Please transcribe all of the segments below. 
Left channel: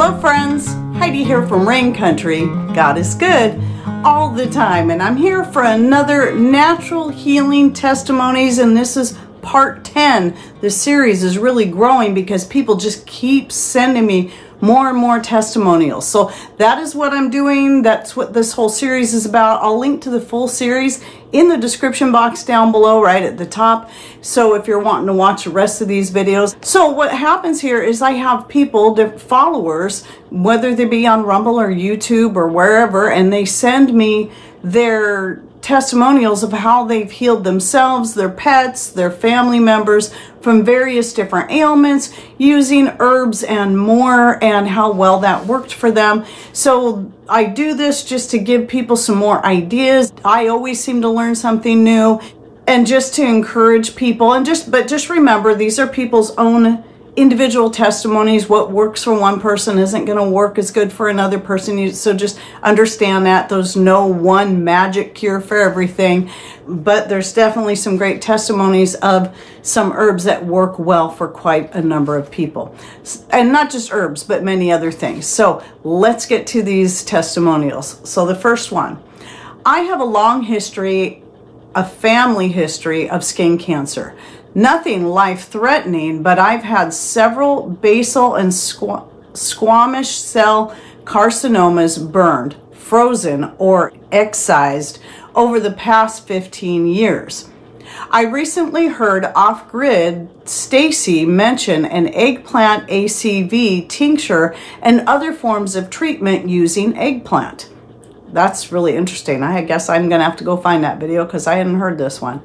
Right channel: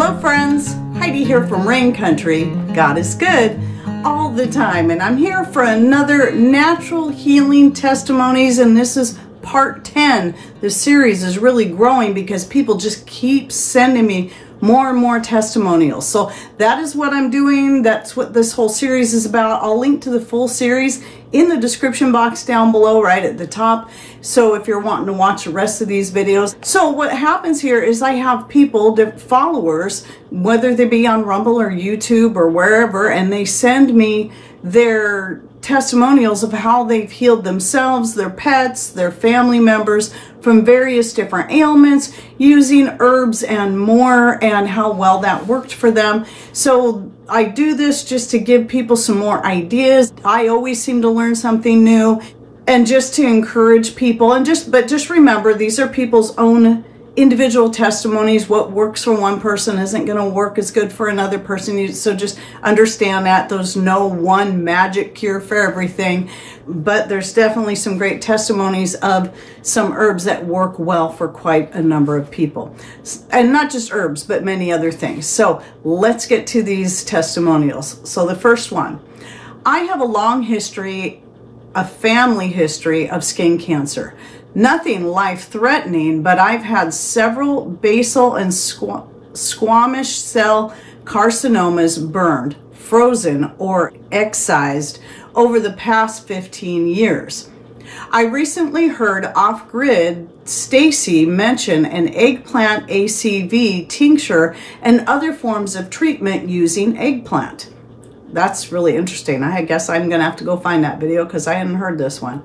Hello friends, Heidi here from Rain Country. God is good all the time, and I'm here for another natural healing testimonies, and this is part 10. The series is really growing because people just keep sending me more and more testimonials. So that is what I'm doing. That's what this whole series is about. I'll link to the full series in the description box down below right at the top. So if you're wanting to watch the rest of these videos. So what happens here is I have people, followers, whether they be on Rumble or YouTube or wherever, and they send me their testimonials of how they've healed themselves, their pets, their family members from various different ailments using herbs and more, and how well that worked for them. So I do this just to give people some more ideas. I always seem to learn something new, and just to encourage people, and just remember, these are people's own individual testimonies. What works for one person isn't going to work as good for another person. So just understand that there's no one magic cure for everything, but there's definitely some great testimonies of some herbs that work well for quite a number of people. And not just herbs, but many other things. So let's get to these testimonials. So the first one, I have a long history, a family history of skin cancer. Nothing life-threatening, but I've had several basal and squamous cell carcinomas burned, frozen, or excised over the past 15 years. I recently heard off-grid Stacy mention an eggplant ACV tincture and other forms of treatment using eggplant. That's really interesting. I guess I'm going to have to go find that video because I hadn't heard this one.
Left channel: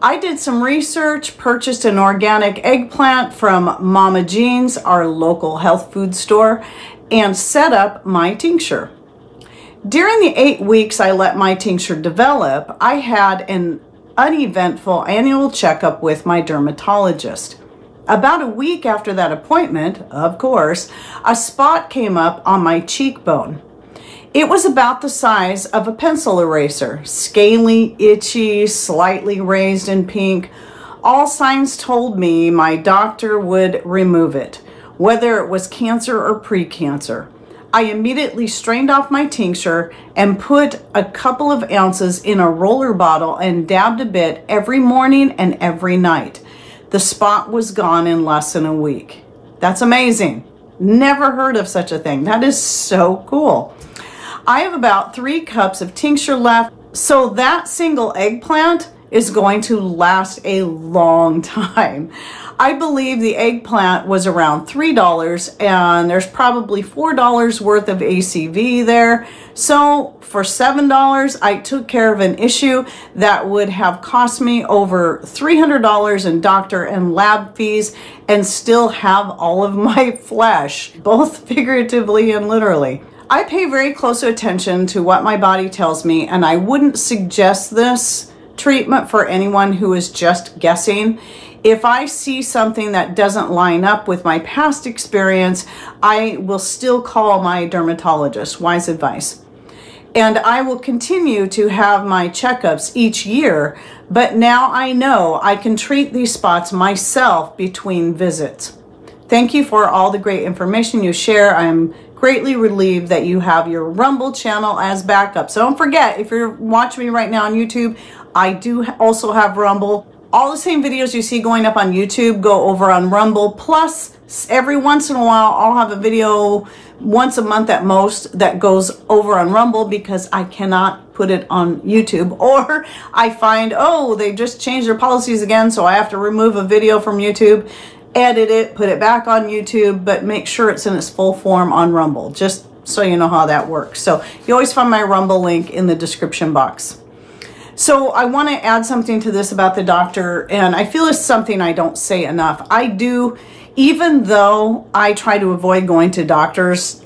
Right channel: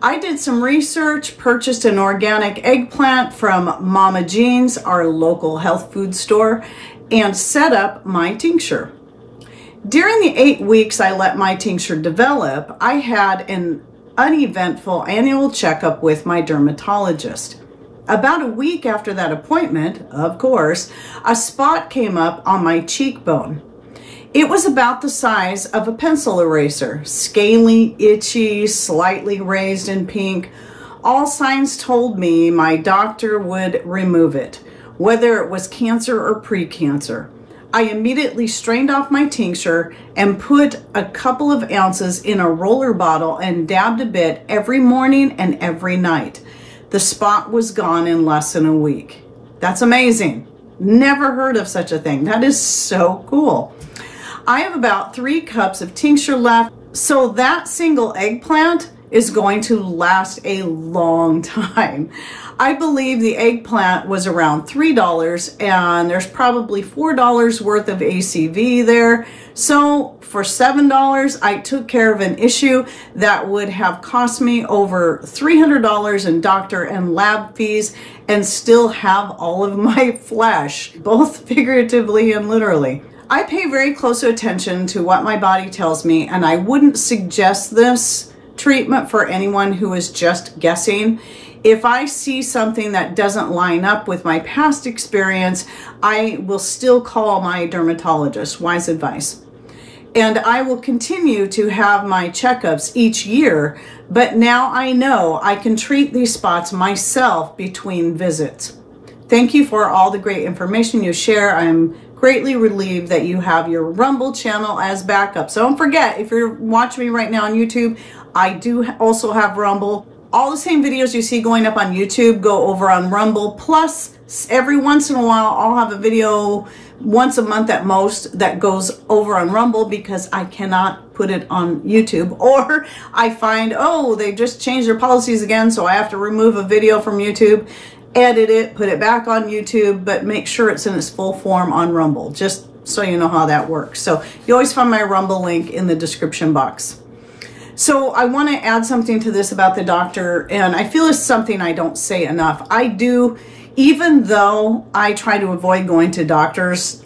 I did some research, purchased an organic eggplant from Mama Jean's, our local health food store, and set up my tincture. During the 8 weeks I let my tincture develop, I had an uneventful annual checkup with my dermatologist. About a week after that appointment, of course, a spot came up on my cheekbone. It was about the size of a pencil eraser, scaly, itchy, slightly raised in pink. All signs told me my doctor would remove it, whether it was cancer or pre-cancer. I immediately strained off my tincture and put a couple of ounces in a roller bottle and dabbed a bit every morning and every night. The spot was gone in less than a week. That's amazing. Never heard of such a thing. That is so cool. I have about 3 cups of tincture left, so that single eggplant is going to last a long time. I believe the eggplant was around $3, and there's probably $4 worth of ACV there. So for $7, I took care of an issue that would have cost me over $300 in doctor and lab fees, and still have all of my flesh, both figuratively and literally. I pay very close attention to what my body tells me, and I wouldn't suggest this treatment for anyone who is just guessing. If I see something that doesn't line up with my past experience, I will still call my dermatologist. Wise advice. And I will continue to have my checkups each year, but now I know I can treat these spots myself between visits. Thank you for all the great information you share. I'm greatly relieved that you have your Rumble channel as backup. So don't forget, if you're watching me right now on YouTube, I do also have Rumble. All the same videos you see going up on YouTube go over on Rumble. Plus, every once in a while, I'll have a video once a month at most that goes over on Rumble because I cannot put it on YouTube. Or I find, oh, they just changed their policies again, so I have to remove a video from YouTube, edit it, put it back on YouTube, but make sure it's in its full form on Rumble, just so you know how that works. So you always find my Rumble link in the description box. So I want to add something to this about the doctor, and I feel it's something I don't say enough. I do, even though I try to avoid going to doctors,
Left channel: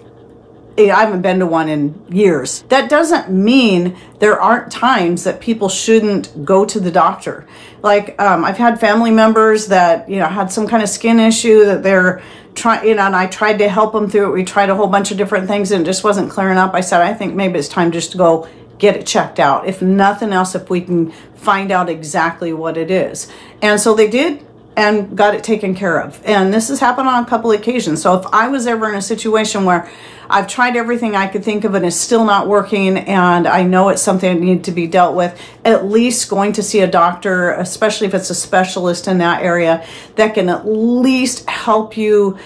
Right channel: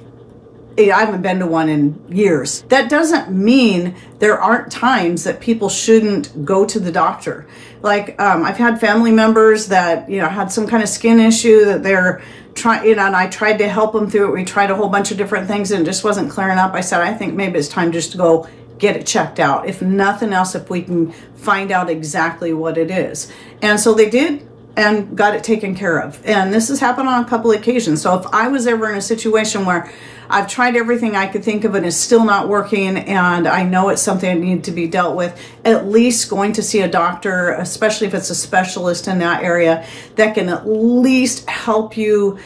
I haven't been to one in years. That doesn't mean there aren't times that people shouldn't go to the doctor. Like I've had family members that, had some kind of skin issue that they're trying, and I tried to help them through it. We tried a whole bunch of different things and it just wasn't clearing up. I said, I think maybe it's time just to go get it checked out. If nothing else, if we can find out exactly what it is. And so they did. and got it taken care of. And this has happened on a couple of occasions. So if I was ever in a situation where I've tried everything I could think of and it's still not working, and I know it's something that needs to be dealt with, at least going to see a doctor, especially if it's a specialist in that area, that can at least help you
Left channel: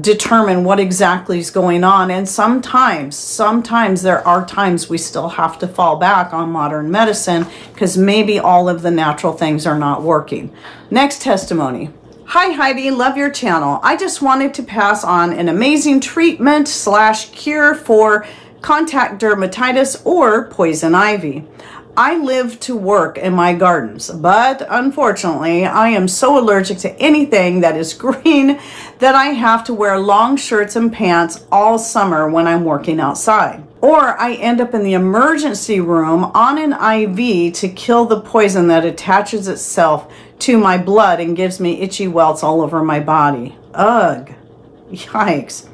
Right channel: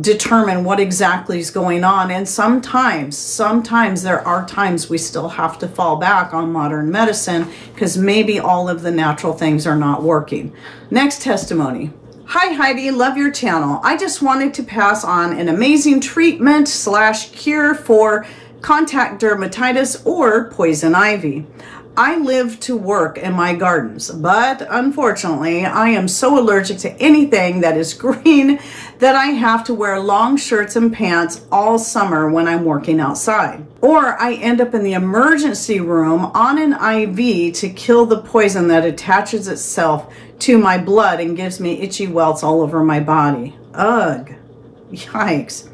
determine what exactly is going on. And sometimes there are times we still have to fall back on modern medicine because maybe all of the natural things are not working. Next testimony. Hi Heidi, love your channel. I just wanted to pass on an amazing treatment / cure for contact dermatitis or poison ivy. I live to work in my gardens, but unfortunately I am so allergic to anything that is green that I have to wear long shirts and pants all summer when I'm working outside. Or I end up in the emergency room on an IV to kill the poison that attaches itself to my blood and gives me itchy welts all over my body. Ugh, yikes.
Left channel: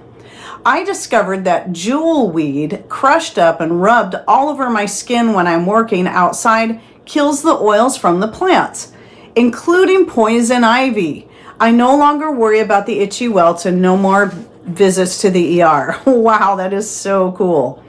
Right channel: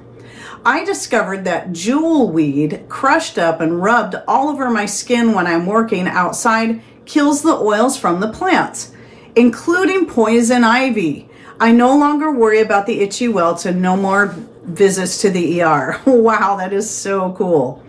I discovered that jewelweed crushed up and rubbed all over my skin when I'm working outside kills the oils from the plants, including poison ivy. I no longer worry about the itchy welts and no more visits to the ER. Wow, that is so cool.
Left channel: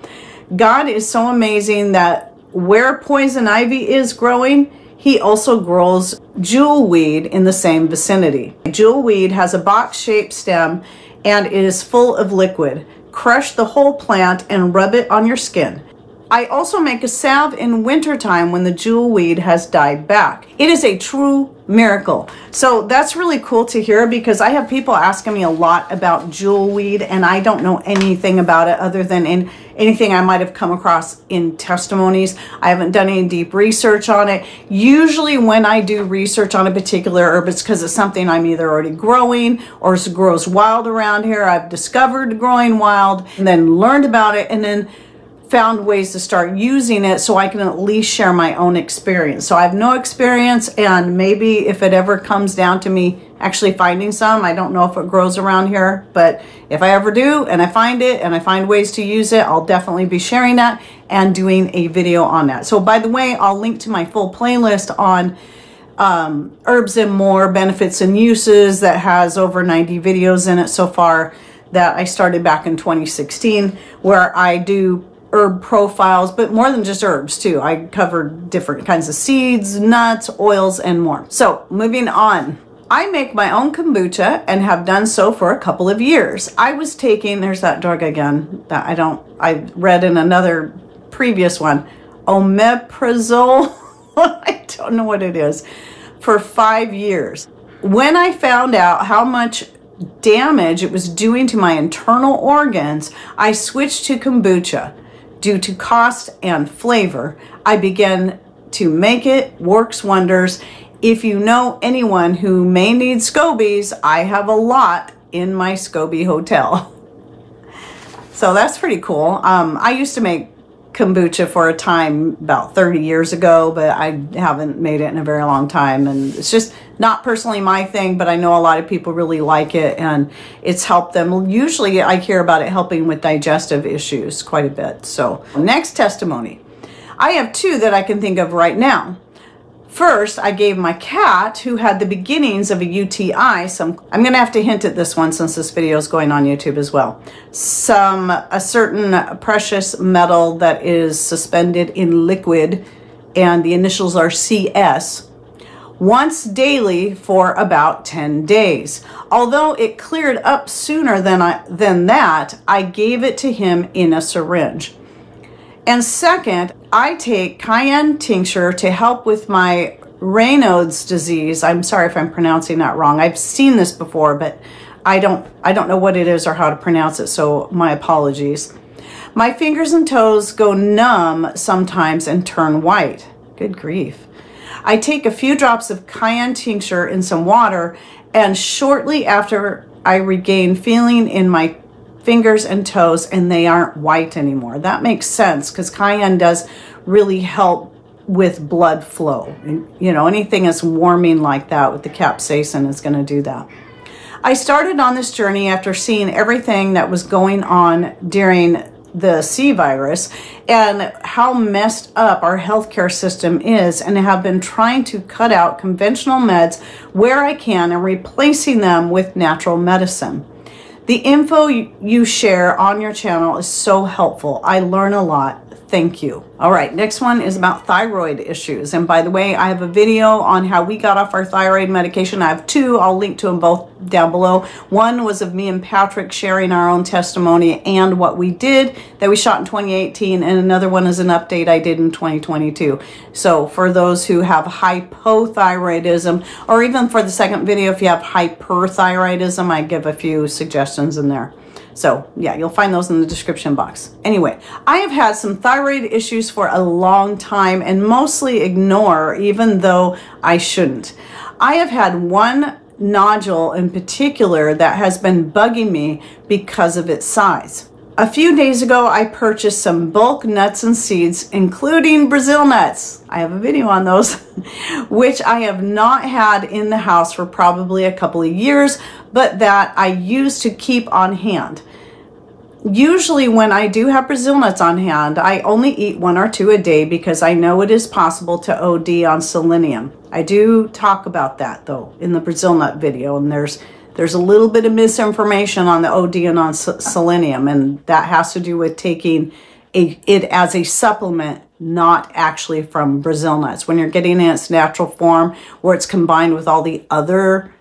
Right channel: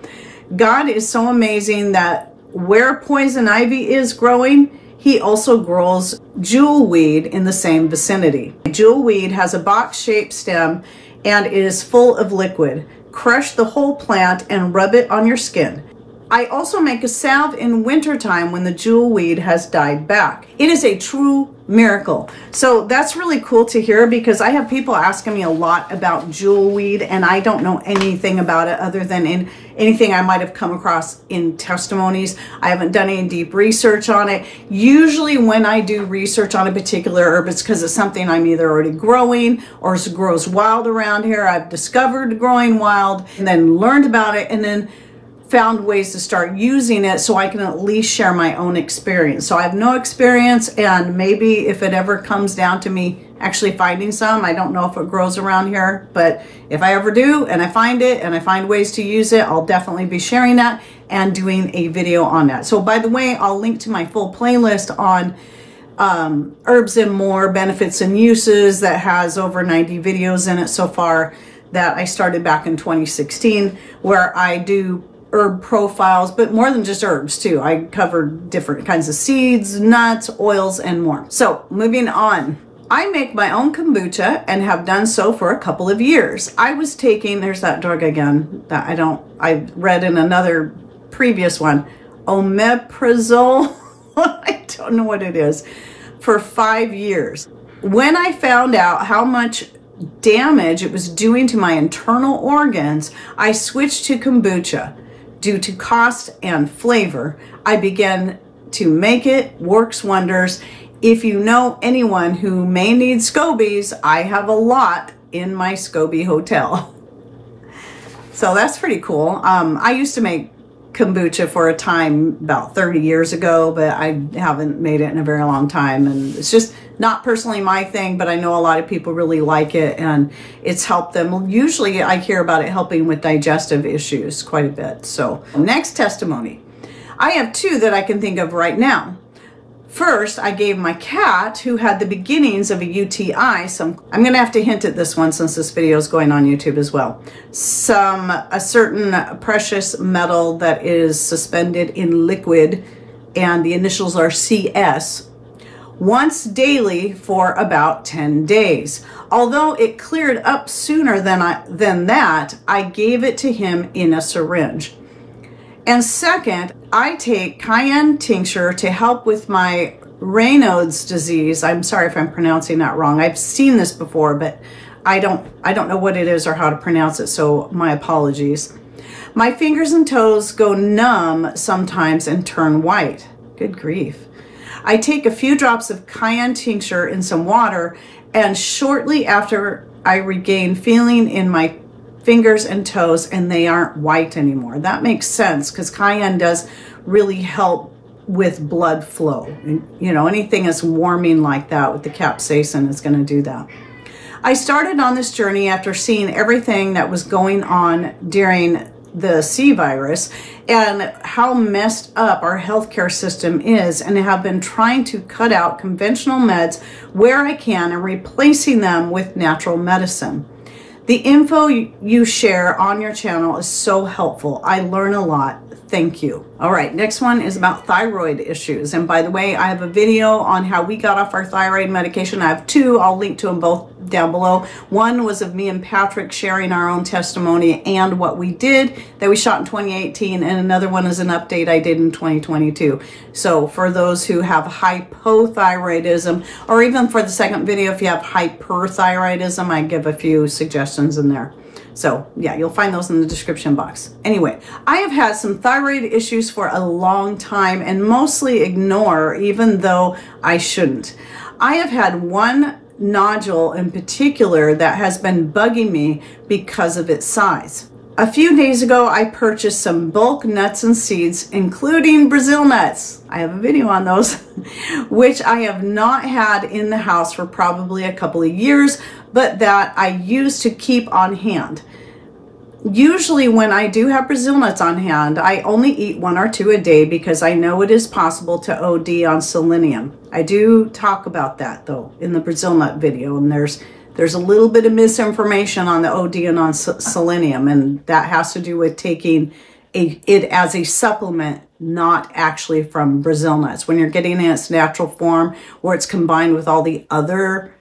God is so amazing that where poison ivy is growing, he also grows jewelweed in the same vicinity. Jewelweed has a box-shaped stem and it is full of liquid. Crush the whole plant and rub it on your skin. I also make a salve in wintertime when the jewelweed has died back. It is a true miracle. So that's really cool to hear, because I have people asking me a lot about jewelweed and I don't know anything about it other than in anything I might have come across in testimonies. I haven't done any deep research on it. Usually when I do research on a particular herb, it's because it's something I'm either already growing or it grows wild around here. I've discovered growing wild and then learned about it and then found ways to start using it so I can at least share my own experience. So I have no experience, and maybe if it ever comes down to me actually finding some, I don't know if it grows around here, but if I ever do and I find it and I find ways to use it, I'll definitely be sharing that and doing a video on that. So by the way, I'll link to my full playlist on herbs and more benefits and uses that has over 90 videos in it so far, that I started back in 2016, where I do herb profiles, but more than just herbs too. I covered different kinds of seeds, nuts, oils, and more. So moving on. I make my own kombucha and have done so for a couple of years. I was taking, there's that drug again that I read in another previous one, omeprazole. I don't know what it is, for 5 years. When I found out how much damage it was doing to my internal organs, I switched to kombucha. Due to cost and flavor, I began to make it. Works wonders. If you know anyone who may need scobies, I have a lot in my SCOBY hotel. So that's pretty cool. I used to make kombucha for a time about 30 years ago, but I haven't made it in a very long time, and it's just not personally my thing, but I know a lot of people really like it and it's helped them. Usually I hear about it helping with digestive issues quite a bit. So next testimony. I have two that I can think of right now. First, I gave my cat, who had the beginnings of a UTI, some, I'm going to have to hint at this one since this video is going on YouTube as well, a certain precious metal that is suspended in liquid, and the initials are CS, once daily for about 10 days. Although it cleared up sooner than that, I gave it to him in a syringe. And second, I take cayenne tincture to help with my Raynaud's disease. I'm sorry if I'm pronouncing that wrong. I've seen this before, but I don't know what it is or how to pronounce it, so my apologies. My fingers and toes go numb sometimes and turn white. Good grief. I take a few drops of cayenne tincture in some water, and shortly after I regain feeling in my fingers and toes, and they aren't white anymore. That makes sense, because cayenne does really help with blood flow. And, you know, anything that's warming like that with the capsaicin is going to do that. I started on this journey after seeing everything that was going on during the C virus, and how messed up our healthcare system is, and have been trying to cut out conventional meds where I can and replacing them with natural medicine. The info you share on your channel is so helpful. I learn a lot. Thank you. All right, next one is about thyroid issues. And by the way, I have a video on how we got off our thyroid medication. I have two. I'll link to them both down below. One was of me and Patrick sharing our own testimony and what we did that we shot in 2018. And another one is an update I did in 2022. So for those who have hypothyroidism, or even for the second video, if you have hyperthyroidism, I give a few suggestions in there. So yeah, you'll find those in the description box. Anyway, I have had some thyroid issues for a long time and mostly ignore, even though I shouldn't. I have had one nodule in particular that has been bugging me because of its size. A few days ago, I purchased some bulk nuts and seeds, including Brazil nuts. I have a video on those, which I have not had in the house for probably a couple of years, but that I used to keep on hand. Usually when I do have Brazil nuts on hand, I only eat 1 or 2 a day because I know it is possible to OD on selenium. I do talk about that though in the Brazil nut video, and there's a little bit of misinformation on the OD and on selenium, and that has to do with taking it as a supplement, not actually from Brazil nuts. When you're getting in its natural form, where it's combined with all the other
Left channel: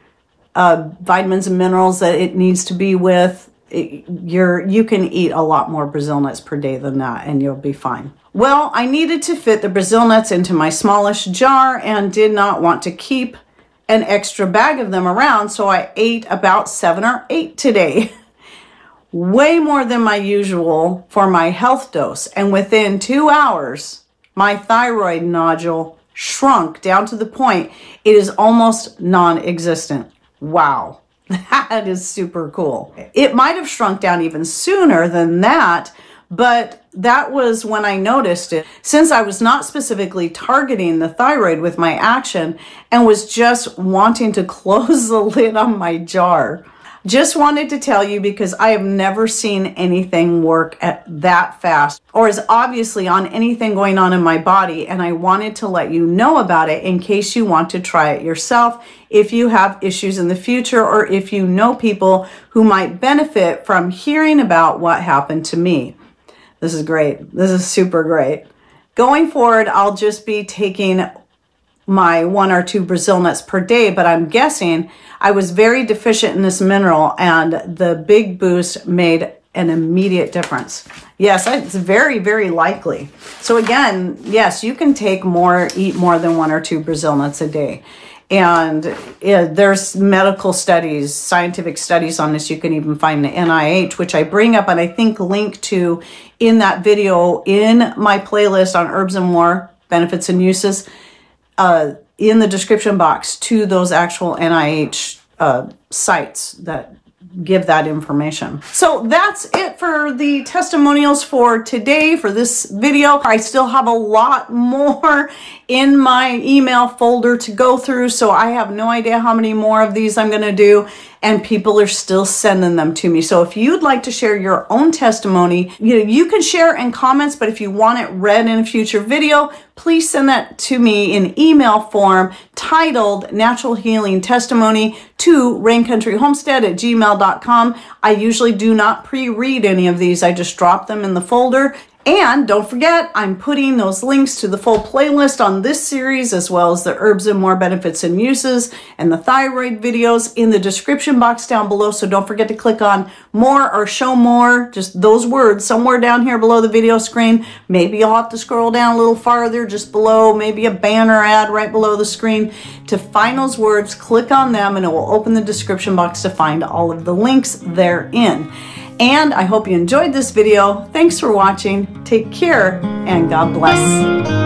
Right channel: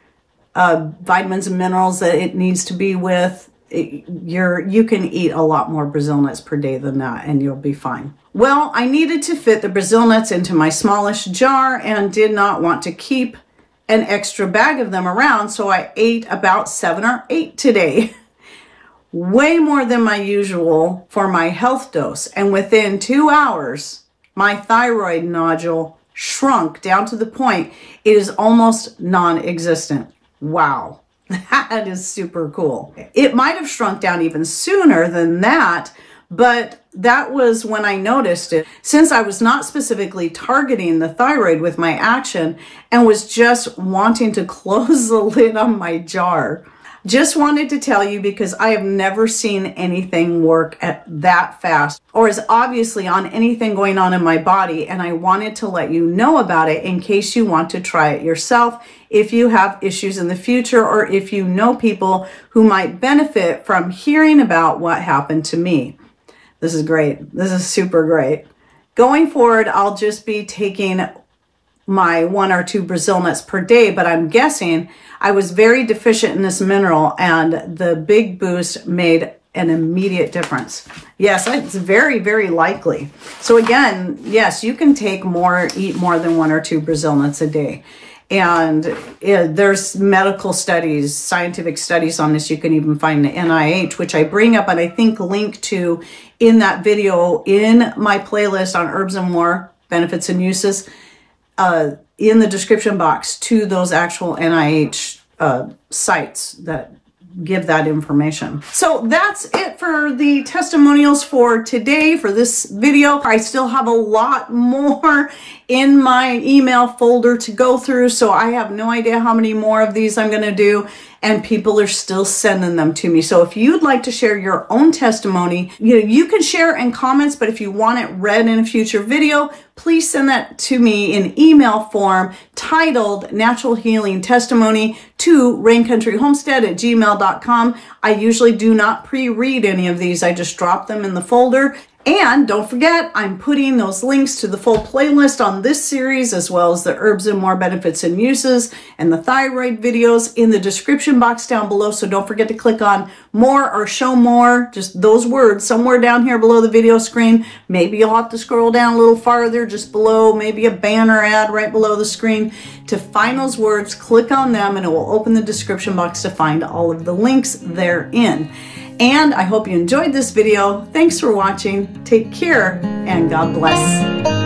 vitamins and minerals that it needs to be with, you can eat a lot more Brazil nuts per day than that, and you'll be fine. Well, I needed to fit the Brazil nuts into my smallest jar and did not want to keep an extra bag of them around, so I ate about 7 or 8 today. Way more than my usual for my health dose, and within 2 hours, my thyroid nodule shrunk down to the point it is almost non-existent. Wow. That is super cool. It might have shrunk down even sooner than that, but that was when I noticed it, since I was not specifically targeting the thyroid with my action and was just wanting to close the lid on my jar. Just wanted to tell you because I have never seen anything work at that fast or is obviously on anything going on in my body, and I wanted to let you know about it in case you want to try it yourself if you have issues in the future, or if you know people who might benefit from hearing about what happened to me. This is great. This is super great. Going forward, I'll just be taking my 1 or 2 Brazil nuts per day, but I'm guessing I was very deficient in this mineral, and the big boost made an immediate difference. Yes, it's very, very likely. So again, yes, you can take more, eat more than 1 or 2 Brazil nuts a day. And there's medical studies, scientific studies on this. You can even find the NIH, which I bring up and I think link to in that video in my playlist on Herbs and More, Benefits and Uses, in the description box to those actual NIH sites that give that information. So that's it for the testimonials for today, for this video. I still have a lot more in my email folder to go through, so I have no idea how many more of these I'm going to do, and people are still sending them to me. So if you'd like to share your own testimony, you can share in comments, but if you want it read in a future video, please send that to me in email form titled Natural Healing Testimony to raincountryhomestead@gmail.com. I usually do not pre-read any of these. I just drop them in the folder. And don't forget, I'm putting those links to the full playlist on this series, as well as the Herbs and More Benefits and Uses and the thyroid videos in the description box down below. So don't forget to click on more or show more, just those words somewhere down here below the video screen. Maybe you'll have to scroll down a little farther just below, maybe a banner ad right below the screen. To find those words, click on them and it will open the description box to find all of the links therein. And I hope you enjoyed this video. Thanks for watching. Take care and God bless.